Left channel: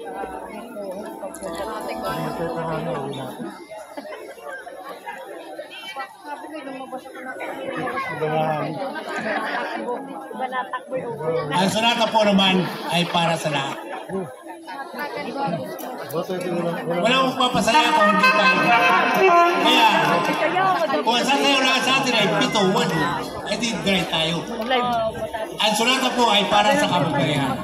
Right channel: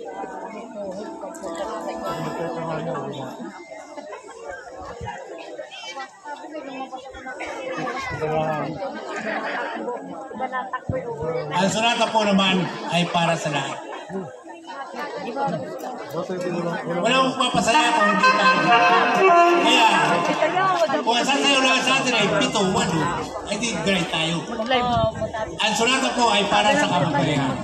Ang sonata po naman ay para sa lahat. Wala mong papasaya kung hindi tayo. Kaya, kung sasayaw lang sa atin ay 7-1, ay di great tayo. Ang sonata po ay para sa kamagparehan.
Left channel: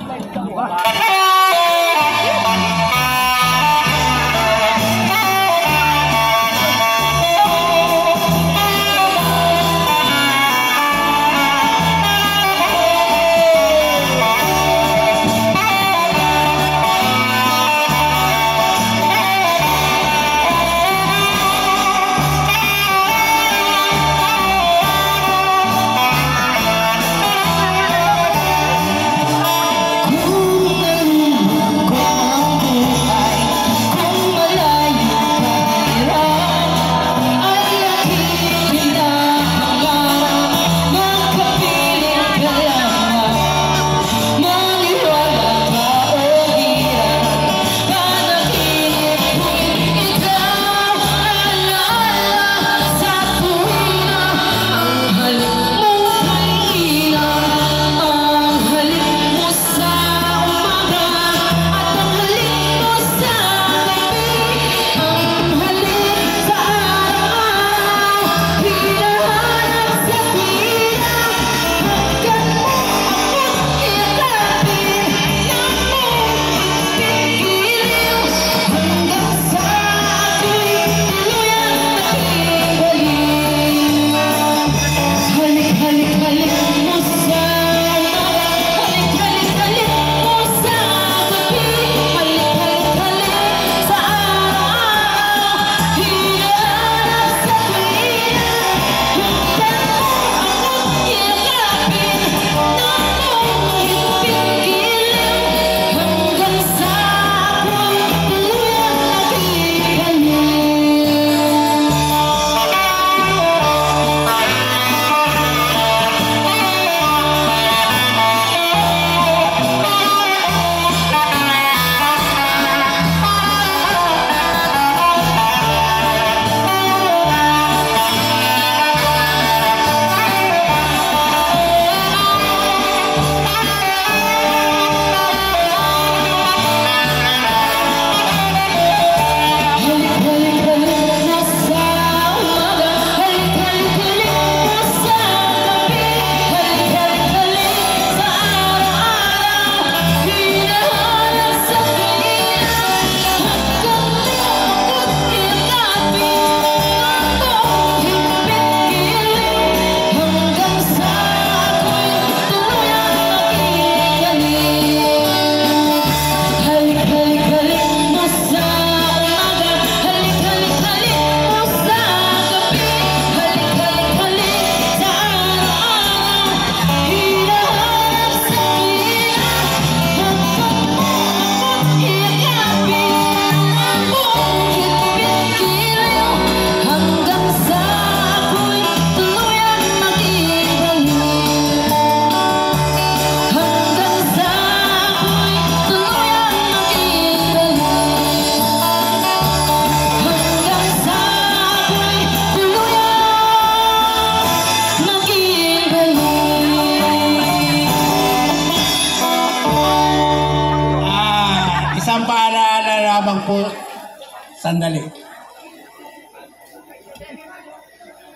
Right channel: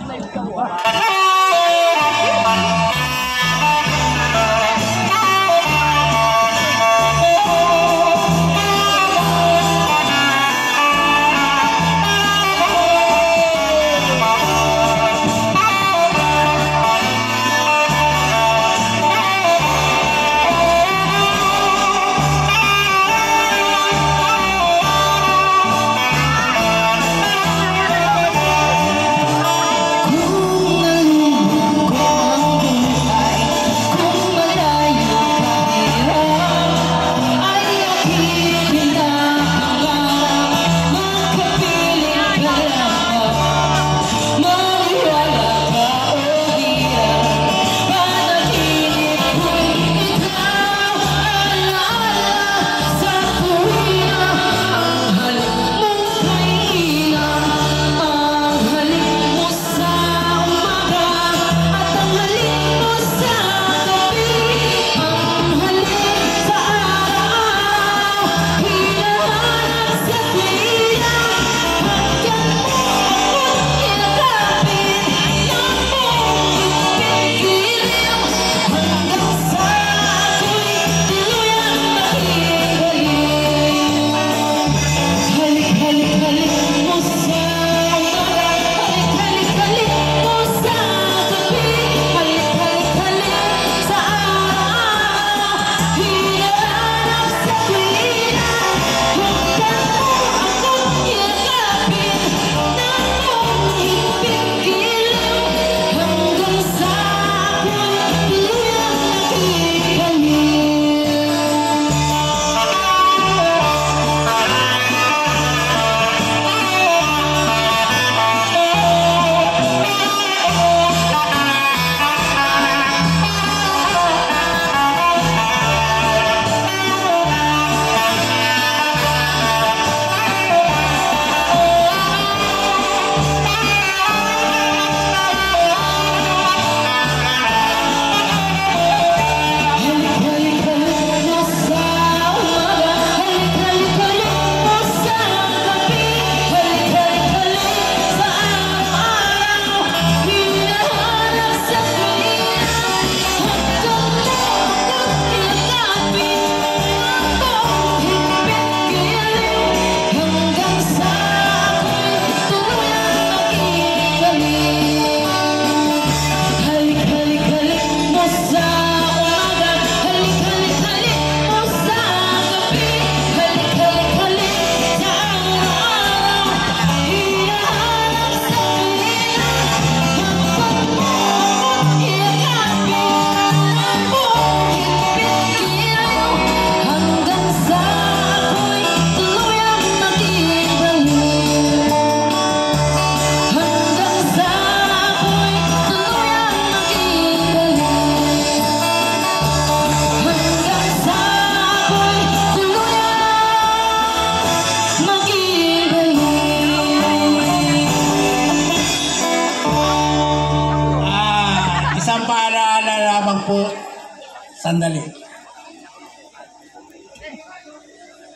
Sandali.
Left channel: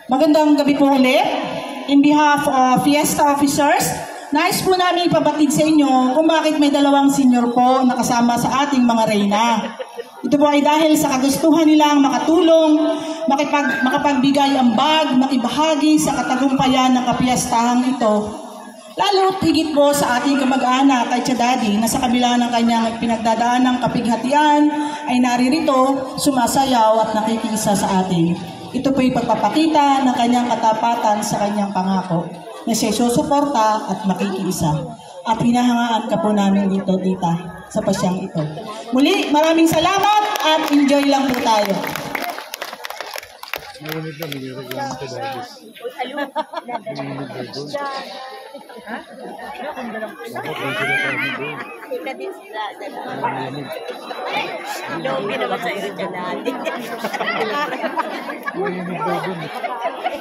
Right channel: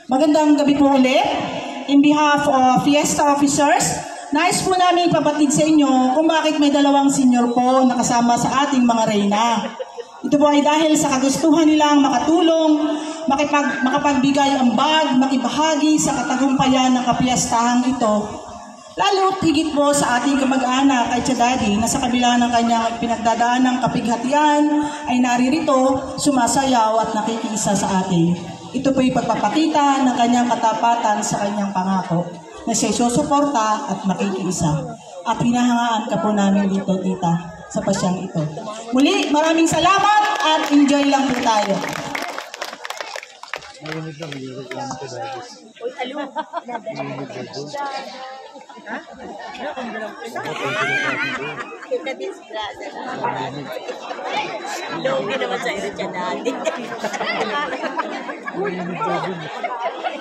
Magandang gabi po ulit. In behalf of Fiesta officers, nais po namin ipabatid sa inyo kung bakit may dalawang senior po nakasama sa ating mga reyna. Ito po ay dahil sa kagustuhan nilang makatulong, makapagbigay ambag, makibahagi sa katagumpayan ng kapiestahang ito. Lalo higit po sa ating kamag-anak kay Daddy na sa kabila ng kanyang pinagdadaan ng kapighatian ay naririto, sumasayaw at nakikiisa sa atin. Ito po'y pagpapakita ng kanyang katapatan sa kanyang pangako na siya susuporta at makikiisa. At hinahangaan ka po namin dito, tita, sa pasyang ito. Muli, maraming salamat at enjoy lang po tayo. Kita din sila Logi naman sa iyo dyan natin.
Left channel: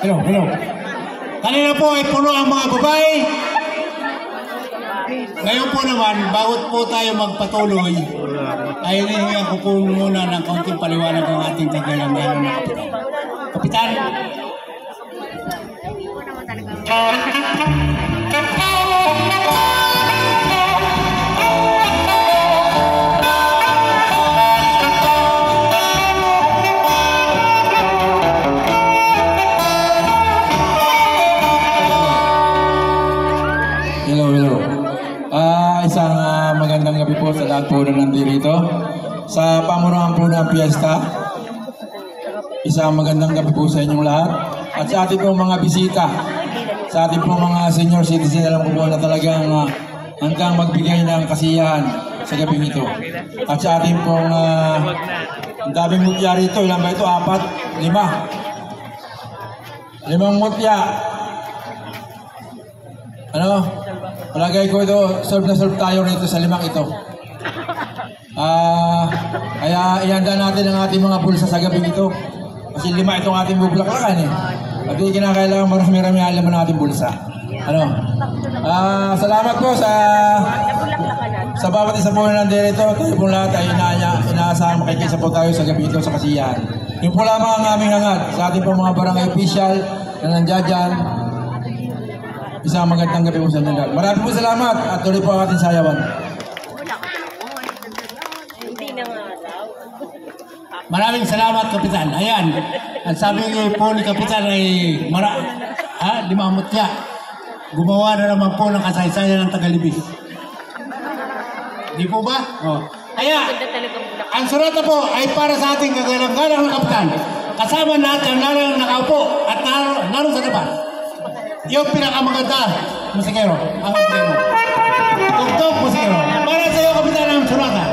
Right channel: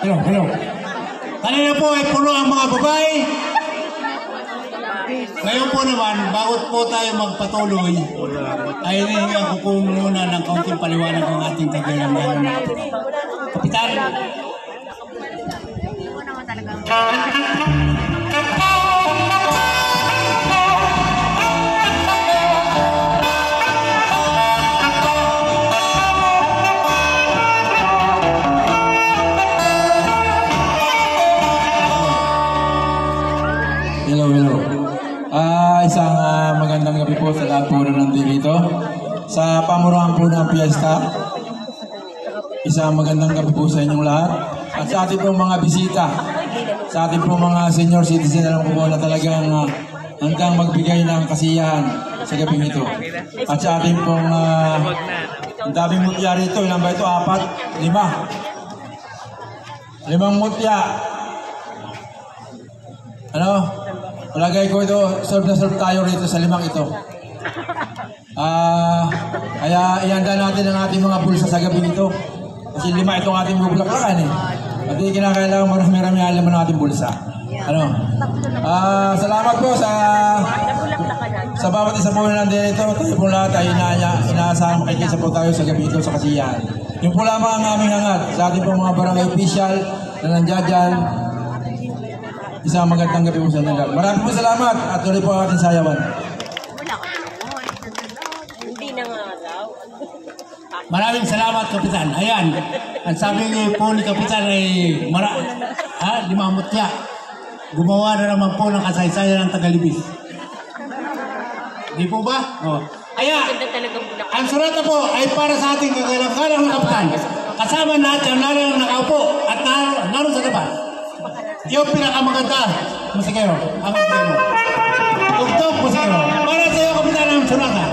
Hello. Kanina po ay puno ang mga babae. Ngayon po naman, bawat po tayo magpatuloy, ay hinihingan ko po muna ng kaunting paliwanag ng ating tagalangan. Kapitan! Hello. Isang magandang gabi po sa lahat po na nandito sa pamunuan po ng piyesta. Isang magandang gabi po sa inyong lahat. At sa ating pong mga bisita, sa ating pong mga senior citizen, alam ko po na talagang handang magbigay ng kasiyahan sa gabing ito. At sa ating pong ang daming mutya rito, ilan ba ito? 4, 5. 5 mutya. Palagay ko ito, solve na solve tayo rito sa 5 ito. Kaya ihanda natin ang ating mga bulsa sa gabing ito. Kasi 5 itong ating bubulaklakan eh. At hindi kinakailangan marami-rami alam ng ating bulsa. Salamat po sa bawat isa po na nandito. Tayo po lahat ay inaasahan makikisa po tayo sa gabi ito sa kasiyahan. Yung po lamang ang aming hangad sa ating po mga barangay official na nandiyan dyan. Isang magandang gabi po sa inyo. Maraming po salamat at tuloy po ang ating sayawan. Hindi na nga daw. Maraming salamat, Kapitan. Ayan, ang sabi niyo po ni Kapitan ay 5 mutya. Gumawa na naman po ng kasaysayan ng Tagalibis. Di po ba? Oh. Kaya, ang surata po ay para sa ating kagalang-galang na Kapitan. Kasama lahat ang naroon nakaupo at naroon sa labas. Yung pinakamaganda, musikero, ang musikero. Tugtog, musikero. Para sa iyo, Kapitan, ang surata.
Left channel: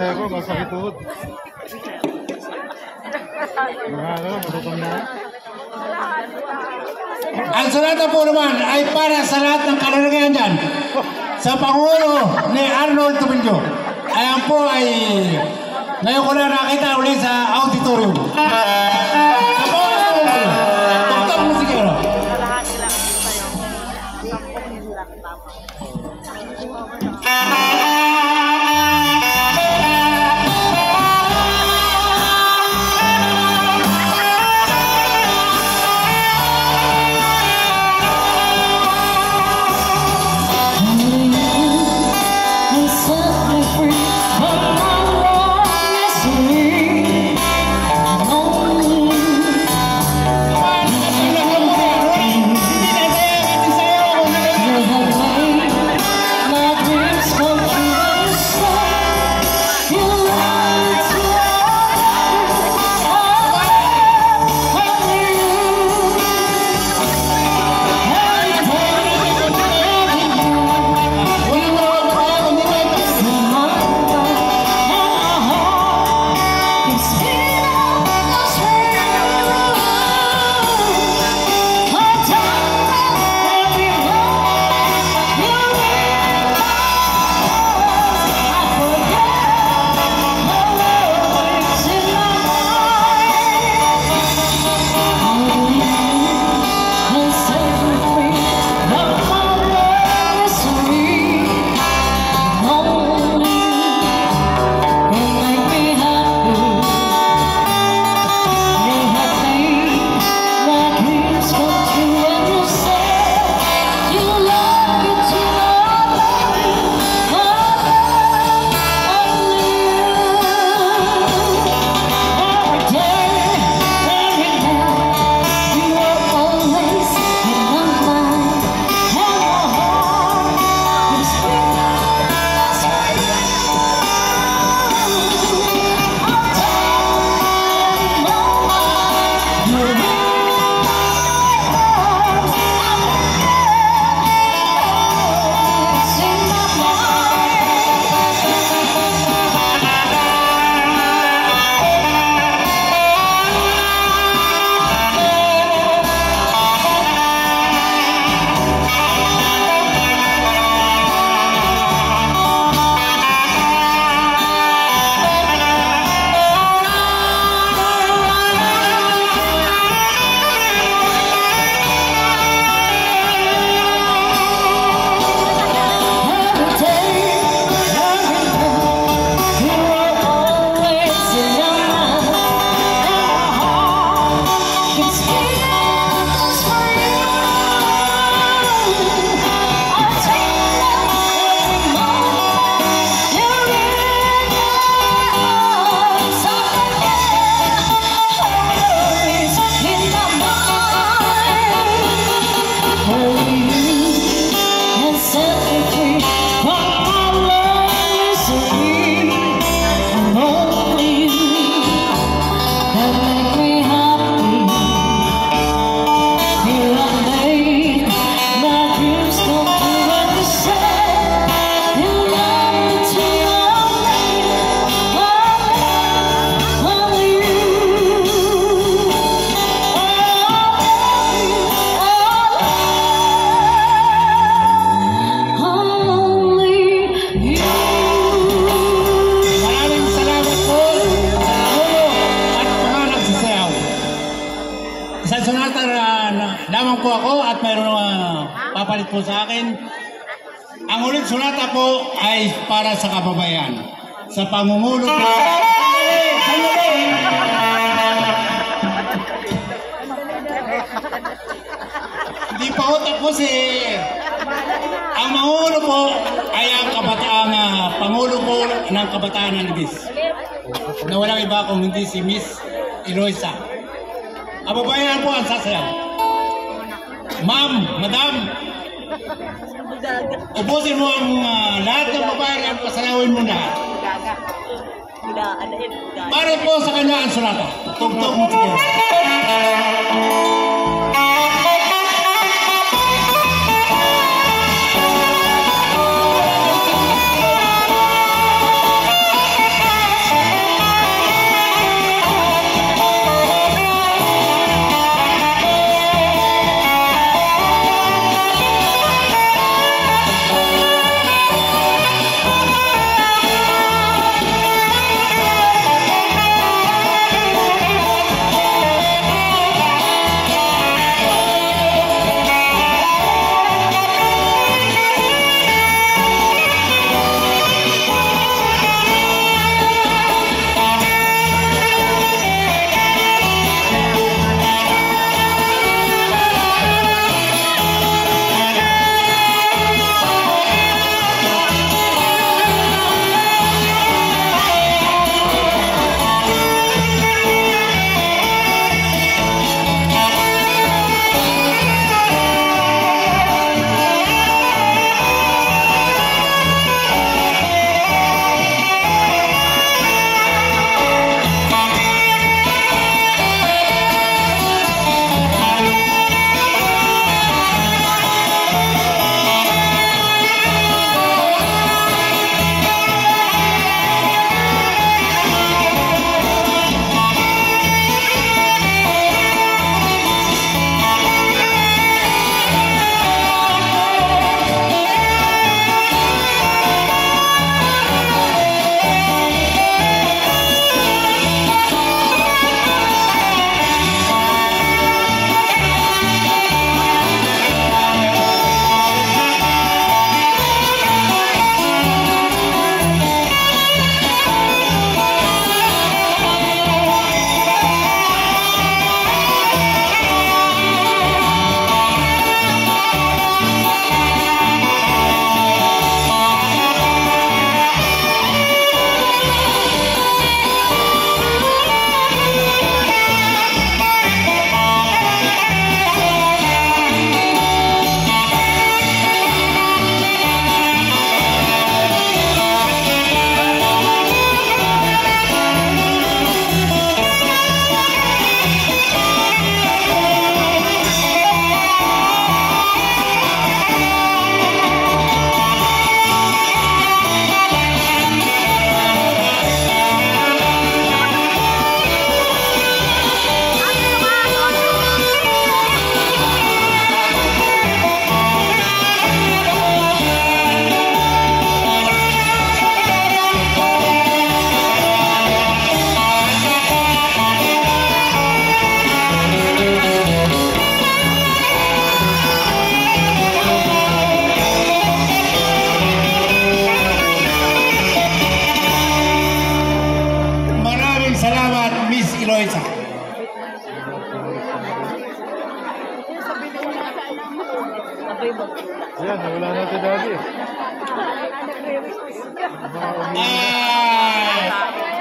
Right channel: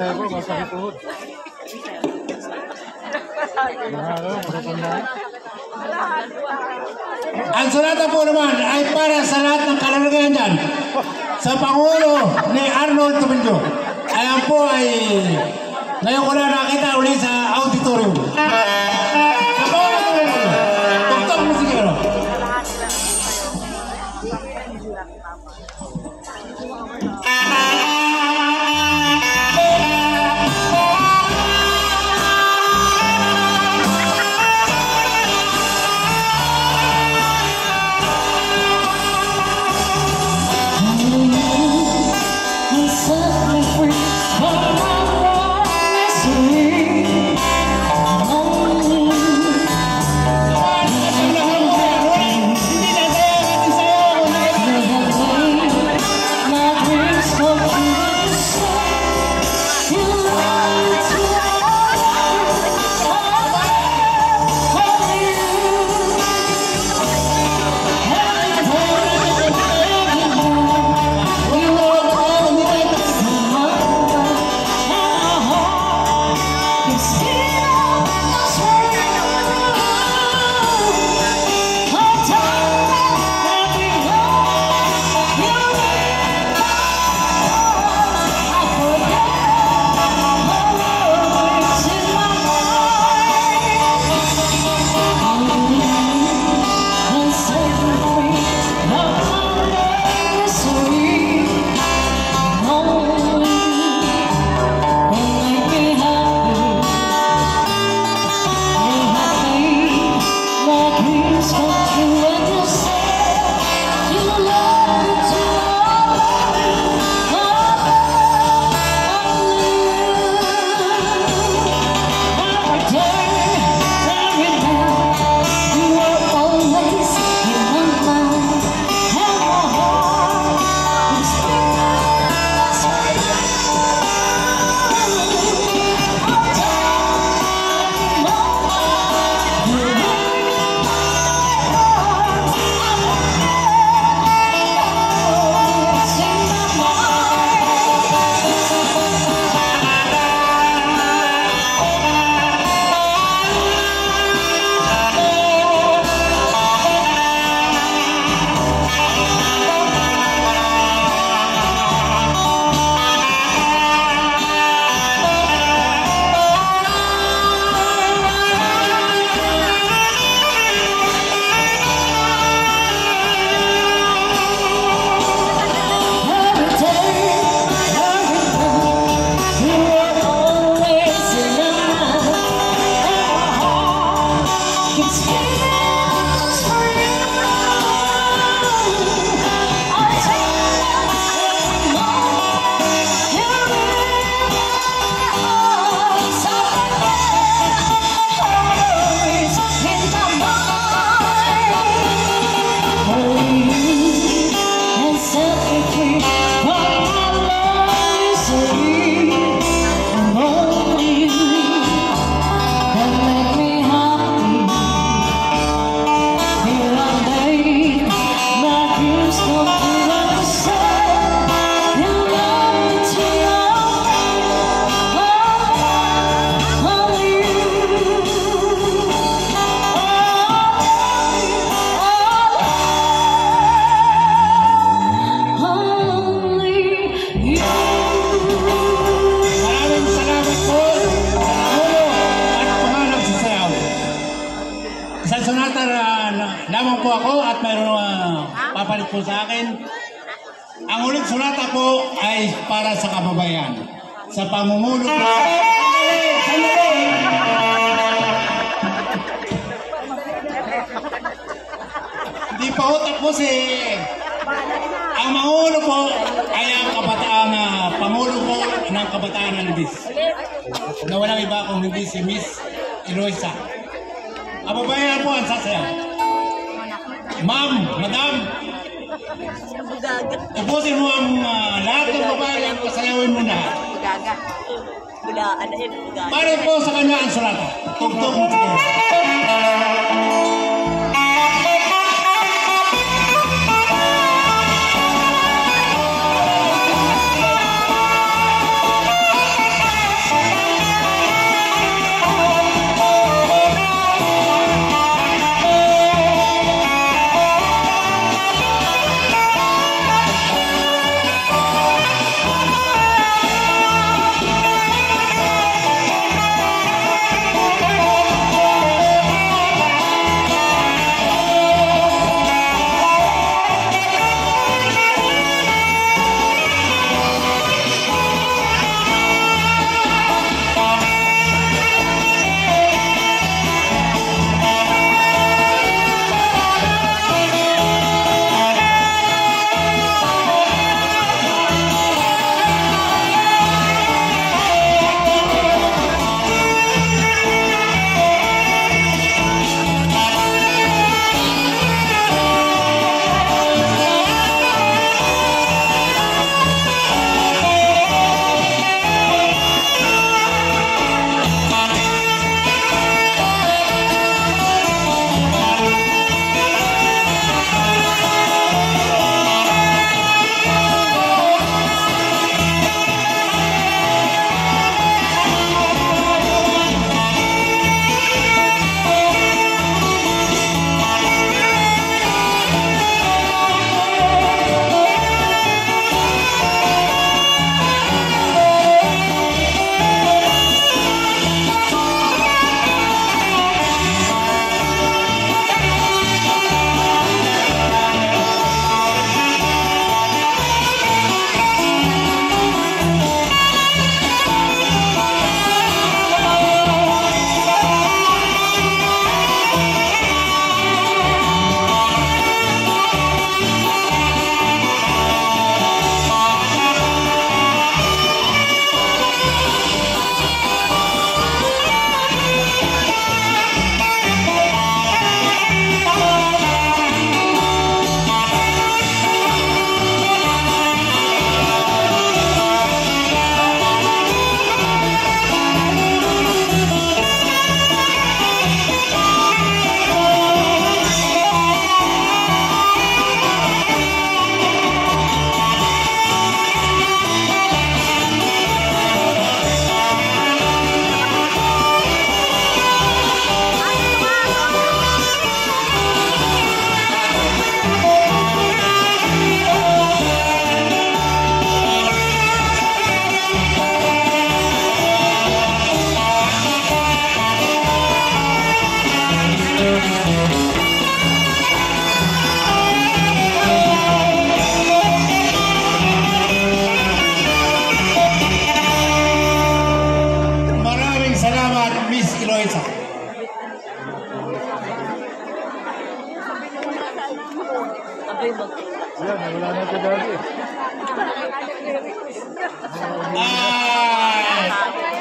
Ang sulatan po naman ay para sa lahat ng kalalagayan dyan. Sa Pangulo ni Arnold Tumilio. Ayan po ay ngayon ko na nakita ulit sa auditorium. Dr. Musikero. Lamang po ako at mayroon papalit po sa akin. Ang ulit sulata po ay para sa kababayan. Sa pamumuno po. Hindi pa ho tapos eh. Ang mangulo po ay ang kabataan, pangulo po ng kabataan ng Ligis. Na walang iba kung hindi si Miss Eloisa. Kababayan po ang sasayaw. Ma'am, madam, ubusin mo ang lahat ng babae at pasayawin mo na. Pare po sa kanya ang sulata. Tugtog mo siguro.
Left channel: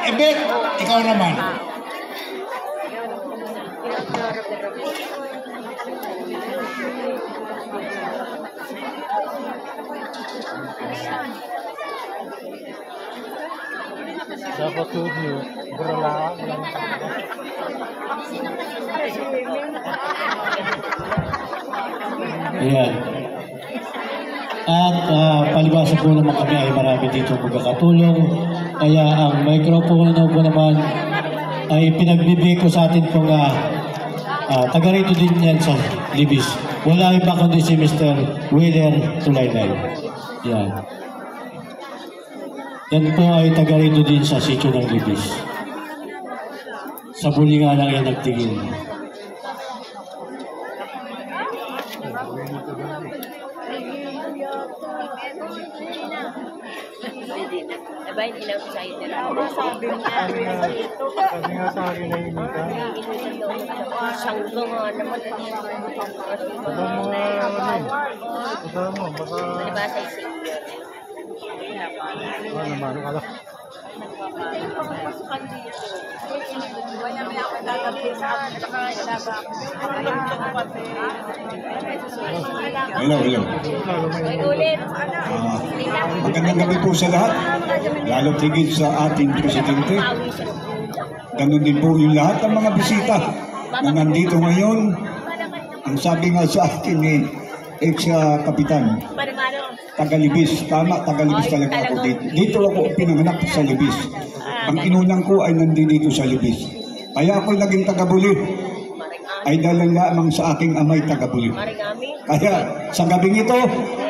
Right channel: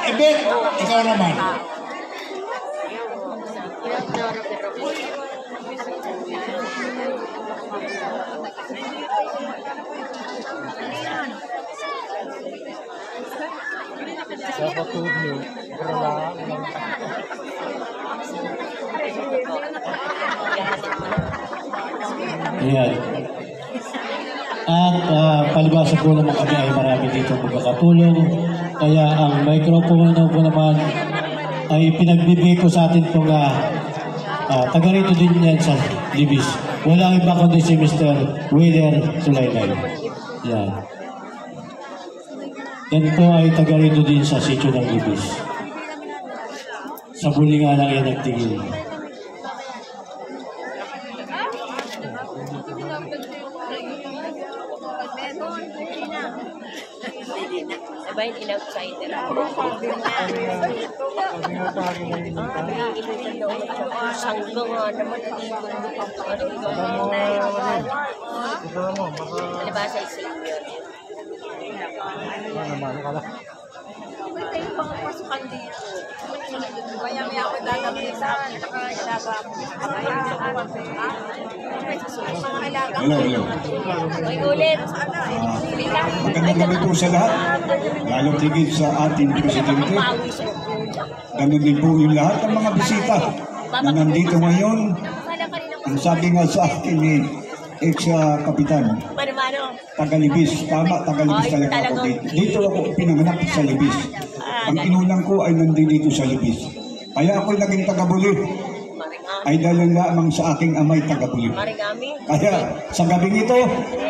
Ebet, ikaw naman. Ayan. At palibasa po naman kami ay marami dito magkakatulong. Kaya ang microphone po naman ay pinagbibigay ko sa atin pong taga rito din yan sa Libis. Wala iba kundi si Mr. Wheeler Sulaylay. Yan. Yan po ay taga rito din sa sitio ng Libis. Sa buli nga lang yan nagtigil. Sabay ilang sa'yo nila. Sangga nga naman. Malibasa sa iyo. Hello. Hoy, ulit. Magandang gabi po sa lahat, lalo tigit sa ating presidente. Ganun din po yung lahat ng mga bisita na nandito ngayon. Ang sabi nga sa akin ni ex-kapitan, taga-Libis. Tama, taga-Libis talaga ako dito. Dito ako pinanganak sa Libis. Ang inunang ko ay nandito sa Libis. Kaya ako naging taga-Buli ay dahil lamang sa aking amay taga-Buli. Kaya sa gabing ito,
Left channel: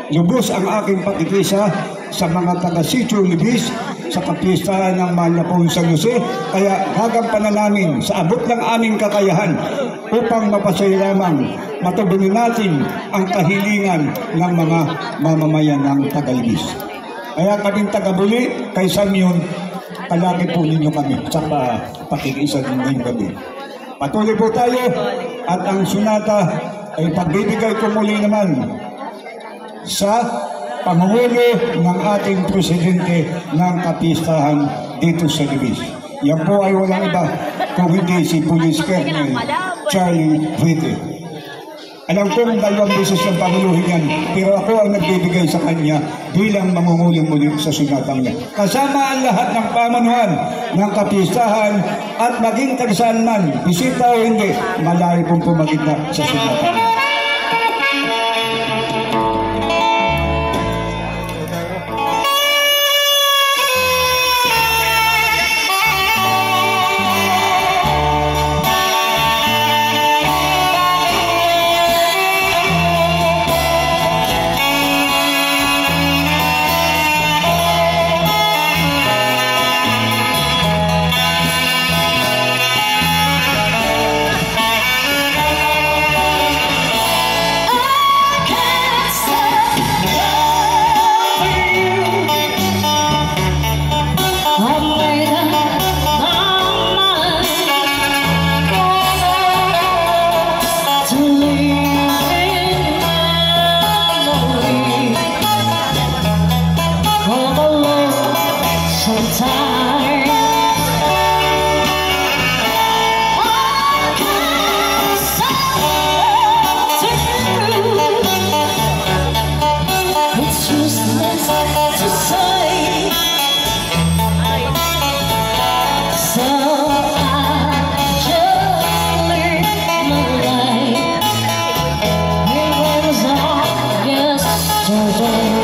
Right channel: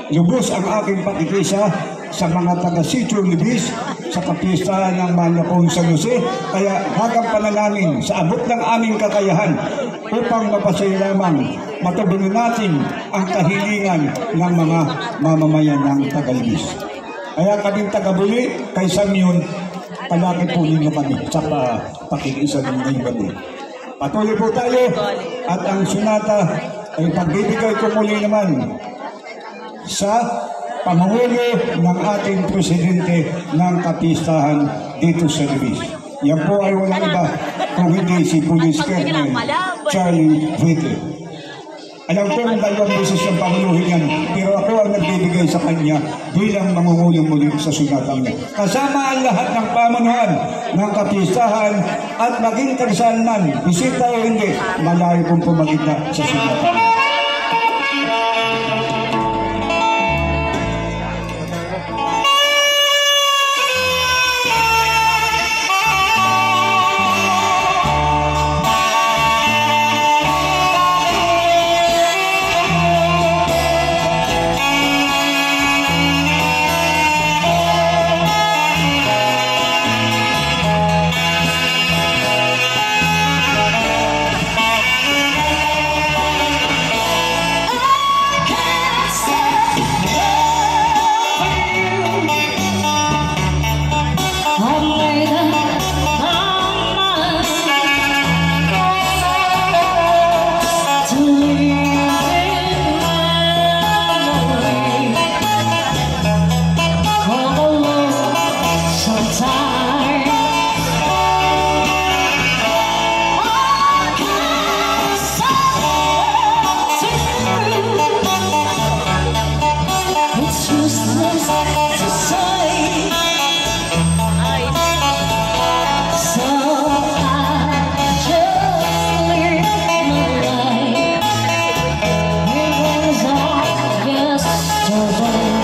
lubos ang aking pakikisa sa mga taga-Sitio Libis sa kapistahan ng Manapon San Jose. Kaya hagang panalangin sa abot ng aming kakayahan upang mapasaya lamang matugunan natin ang kahilingan ng mga mamamayan ng taga-Libis. Kaya kaming taga-Buli, kay Samyon, palagi po ninyo kami sa pakikisa ng ngayong gabi. Patuloy po tayo at ang sunata ay pagbibigay ko muli naman sa pangulo ng ating presidente ng kapistahan dito sa Libis. Yan po ay walang iba kung hindi si Police Colonel Charlie Vite. Alam ko dalawang beses ng panguluhin yan, pero ako ang nagbibigay sa kanya bilang mangungulong muli sa sunatang niya. Kasama ang lahat ng pamunuan ng kapistahan at maging tagsaan man, bisita o hindi, malayo pong pumagitna sa sunatang niya. Yesterday